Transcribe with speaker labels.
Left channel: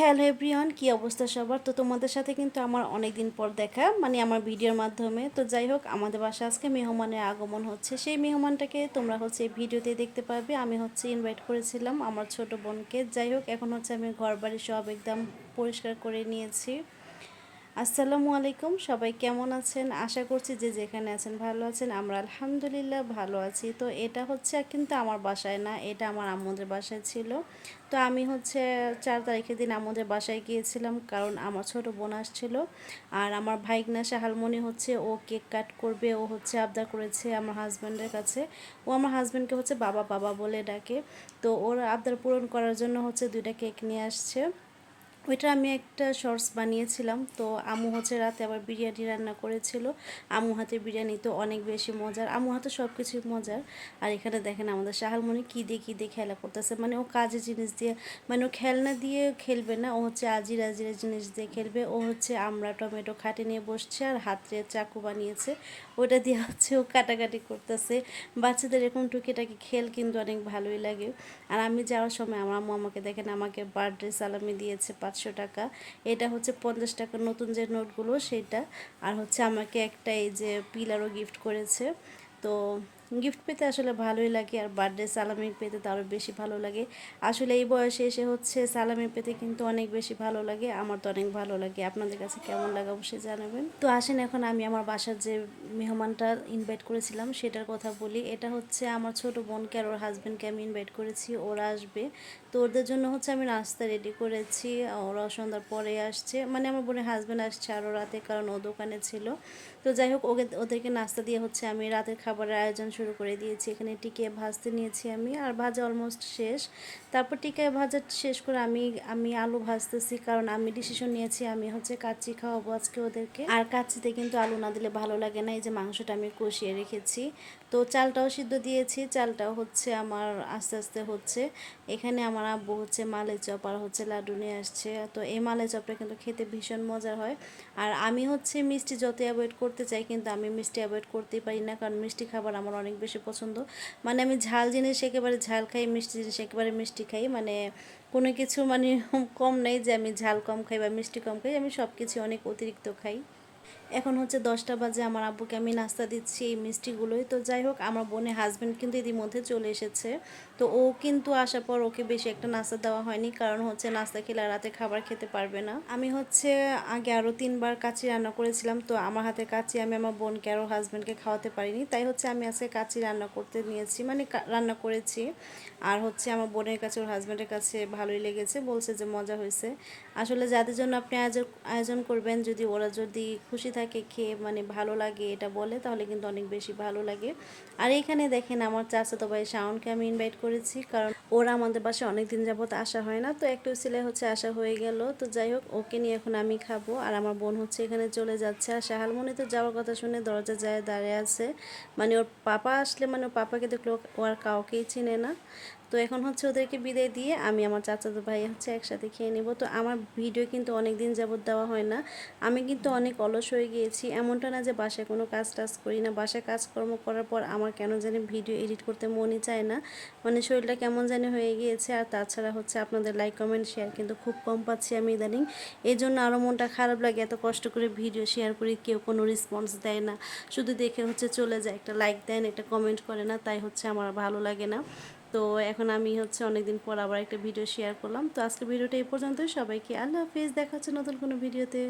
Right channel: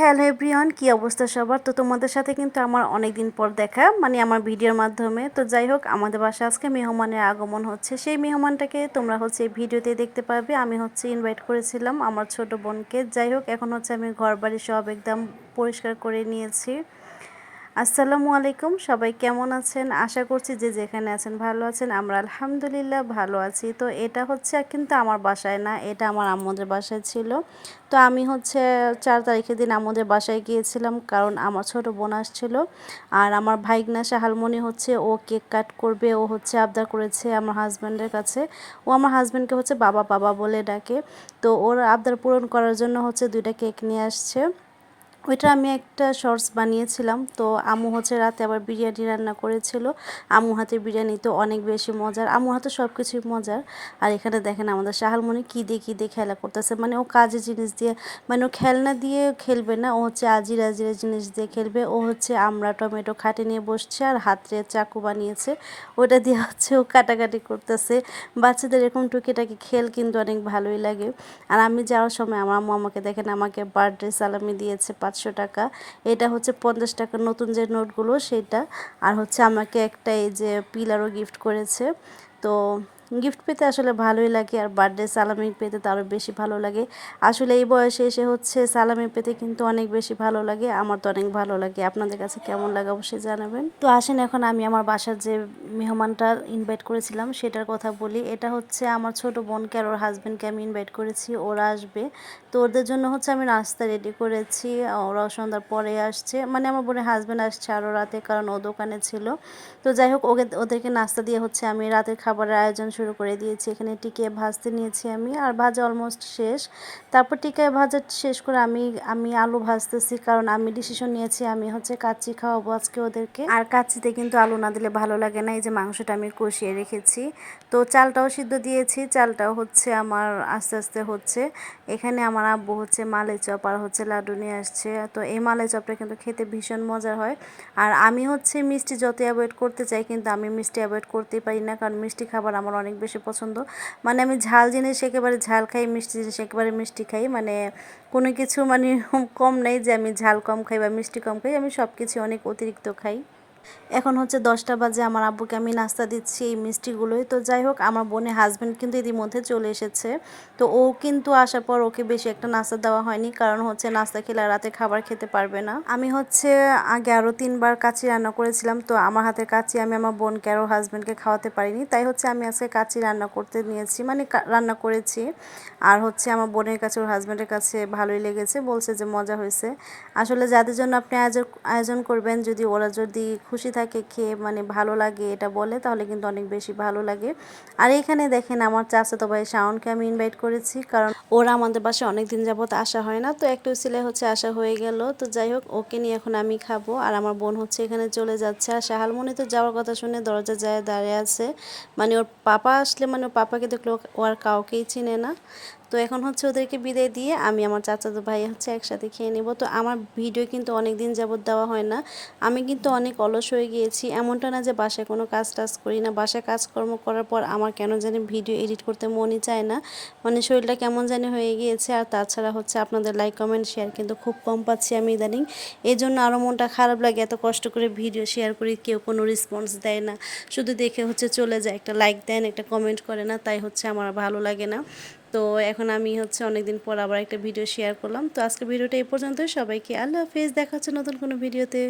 Speaker 1: Hello everyone, কী অবস্থা সবার? তো তোমাদের সাথে কিন্তু আমার অনেক দিন পর দেখা মানে আমার ভিডিওর মাধ্যমে। তো যাই হোক, আমাদের বাসা আজকে মেহমানের আগমন হচ্ছে। সেই মেহমানটাকে তোমরা হচ্ছে ভিডিওতে দেখতে পাবে আমি হচ্ছে ইনভাইট করেছিলাম আমার ছোট বোনকে। যাই হোক, এখন হচ্ছে আমি ঘর বাড়ি সব একদম পরিষ্কার করে নিয়েছি। আসসালামু আলাইকুম। সবাই কেমন আছেন? আশা করছি যে যেখানে আছেন ভালো আছেন। আমরা আলহামদুলিল্লাহ ভালো আছি। তো এটা হচ্ছে কিন্তু আমার বাসায় না, এটা আমার আম্মুদের বাসায় ছিল। তো আমি হচ্ছে চার তারিখের দিন আমাদের বাসায় গিয়েছিলাম কারণ আমার ছোট বোন আসছিল। আর আমার ভাইগনা শাহালমণি হচ্ছে, ও কেক কাট করবে, ও হচ্ছে আবদার করেছে আমার হাজব্যান্ডের কাছে। ও আমার হাজব্যান্ডকে হচ্ছে বাবা বাবা বলে ডাকে। তো ওর আবদার পূরণ করার জন্য হচ্ছে দুইটা কেক নিয়ে আসছে। ওইটা আমি একটা শর্টস বানিয়েছিলাম। তো আমু হচ্ছে রাতে আবার বিরিয়ানি রান্না করেছিল। আমু হাতে বিরিয়ানি তো অনেক বেশি মজার। আমু হাতে সব কিছুই মজার। আর এখানে দেখেন আমাদের শাহালমণি কী দিয়ে কী দিয়ে খেলা করতেছে। মানে ও কাজের জিনিস দিয়ে মানে ও খেলনা দিয়ে খেলবে না। ও হচ্ছে আজির আজিরা জিনিস দিয়ে খেলবে। ও হচ্ছে আমরা টমেটো খাটে নিয়ে বসছে আর হাতে চাকু বানিয়েছে। ওটা দিয়ে হচ্ছে ও কাটাকাটি করতেছে। বাচ্চাদের এরকম টুকিটাকি খেল কিন্তু অনেক ভালোই লাগে। আর আমি যাওয়ার সময় আমার আম্মু আমাকে দেখেন আমাকে বার্থডে সালামি দিয়েছে পাঁচশো টাকা। এটা হচ্ছে পঞ্চাশ টাকার নতুন যে নোটগুলো, সেটা। আর হচ্ছে আমাকে একটা এই যে পিলারও গিফট করেছে। তো গিফট পেতে আসলে ভালোই লাগে আর বার্থডে সালামি পেতে তো আরও বেশি ভালো লাগে। আসলে এই বয়সে এসে হচ্ছে সালামি পেতে কিন্তু অনেক বেশি ভালো লাগে, আমার তো অনেক ভালো লাগে। আপনাদের কাছে কেমন লাগে অবশ্যই জানাবেন। তো আসেন এখন আমি আমার বাসার যে মেহমানটা ইনভাইট করেছিলাম, সেটার কথা বলি। এটা হচ্ছে আমার ছোট বোনকে আর ওর হাজব্যান্ডকে আমি ইনভাইট করেছি, ওরা আসবে। তো ওদের জন্য হচ্ছে আমি নাস্তা রেডি করেছি, ওরাও সন্ধ্যার পরে আসছে। মানে আমার বোনের হাজব্যান্ড আসছে আরও রাতে, কারণ ও দোকানে ছিল। তো যাই হোক, ওকে, ওদেরকে নাস্তা দিয়ে হচ্ছে আমি রাতের খাবারের আয়োজন শুরু করে দিয়েছি। এখানে টিকে ভাজতে নিয়েছি আমি। আর ভাজা অলমোস্ট শেষ। তারপর টিকায় ভাজা শেষ করে আমি আমি আলু ভাজতেছি। কারণ আমি ডিসিশন নিয়েছি, আমি হচ্ছে কাচ্চি খাওয়াবো আজকে ওদেরকে। আর কাচ্চিতে কিন্তু আলু না দিলে ভালো লাগে না। এই যে মাংসটা আমি কষিয়ে রেখেছি। তো চালটাও সিদ্ধ দিয়েছি। চালটাও হচ্ছে আমার আস্তে আস্তে হচ্ছে। এখানে আমার আব্বু হচ্ছে মালাই চপ আর হচ্ছে লাড্ডু নিয়ে আসছে। তো এই মালাই চপটা কিন্তু খেতে ভীষণ মজার হয়। আর আমি হচ্ছে মিষ্টি যত অ্যাভয়েড করতে চাই, কিন্তু আমি মিষ্টি অ্যাভয়েড করতেই পারি না। কারণ মিষ্টি খাবার আমার অনেক বেশি পছন্দ। মানে আমি ঝাল জিনিস একেবারে ঝাল খাই, মিষ্টি জিনিস একেবারে মিষ্টি খাই। মানে কোনো কিছু মানে কম নেই যে আমি ঝাল কম খাই বা মিষ্টি কম খাই, আমি সব কিছু অনেক অতিরিক্ত খাই। এখন হচ্ছে দশটা বাজে, আমার আব্বুকে আমি নাস্তা দিচ্ছি, এই মিষ্টিগুলোই। তো যাই হোক, আমার বোনের হাজব্যান্ড কিন্তু ইতিমধ্যে চলে এসেছে। তো ও কিন্তু আসার পর ওকে বেশি একটা নাস্তা দেওয়া হয়নি, কারণ হচ্ছে নাস্তা খেলে রাতে খাবার খেতে পারবে না। আমি হচ্ছে আগে আরও তিনবার কাচি রান্না করেছিলাম, তো আমার হাতে কাচি আমি আমার বোনকে আরও হাজব্যান্ডকে খাওয়াতে পারিনি। তাই হচ্ছে আমি আজকে কাচি রান্না করতে নিয়েছি মানে রান্না করেছি। আর হচ্ছে আমার বোনের কাছে, ওর হাজব্যান্ডের কাছে ভালোই লেগেছে, বলছে যে মজা হয়েছে। আসলে যাদের জন্য আপনি আয়োজন আয়োজন করবেন, যদি ওরা যদি খুশি থাকে, খেয়ে মানে ভালো লাগে এটা বলে, তাহলে কিন্তু অনেক বেশি ভালো লাগে। আর এখানে দেখেন আমার চাচাতো ভাই শাওনকে আমি ইনভাইট করেছি, কারণ ওরা আমাদের বাসায় অনেক দিন যাবত আসা হয় না, তো একটু ছেলে হচ্ছে আসা হয়ে গেল। তো যাই হোক, ওকে নিয়ে এখন আমি খাব। আর আমার বোন হচ্ছে এখানে চলে যাচ্ছে। আর শাহালমনি তো যাওয়ার কথা শুনে দরজা যায় দাঁড়িয়ে আছে। মানে ওর পাপা আসলে মানে ওর পাপাকে দেখল ও আর কাউকেই চিনে না। তো এখন হচ্ছে ওদেরকে বিদায় দিয়ে আমি আমার চাচাতো ভাই হচ্ছে একসাথে খেয়ে নেব। তো আমার ভিডিও কিন্তু অনেক দিন যাবত দেওয়া হয় না। আমি কিন্তু অনেক অলস হয়ে গিয়েছি। এমনটা না যে বাসায় কোনো কাজ টাজ করি না। বাসায় কাজকর্ম করার পর আমার কেন জানি ভিডিও এডিট করতে মনই চায় না। মানে শরীরটা কেমন জানি হয়ে গিয়েছে। আর তাছাড়া হচ্ছে আপনাদের লাইক কমেন্ট শেয়ার কিন্তু খুব কম পাচ্ছি আমি ইদানিং। এই জন্য আরও মনটা খারাপ লাগে, এত কষ্ট করে ভিডিও শেয়ার করি, কেউ কোনো রেসপন্স দেয় না। শুধু দেখে হচ্ছে চলে যায়, একটা লাইক দেন, একটা কমেন্ট করে না, তাই হচ্ছে আমার ভালো লাগে না। তো এখন আমি হচ্ছে অনেকদিন পর আবার একটা ভিডিও শেয়ার করলাম। তো আজকে ভিডিওটা এই পর্যন্তই। সবাইকে আল্লাহ হাফিজ, দেখা হচ্ছে নতুন কোনো ভিডিওতে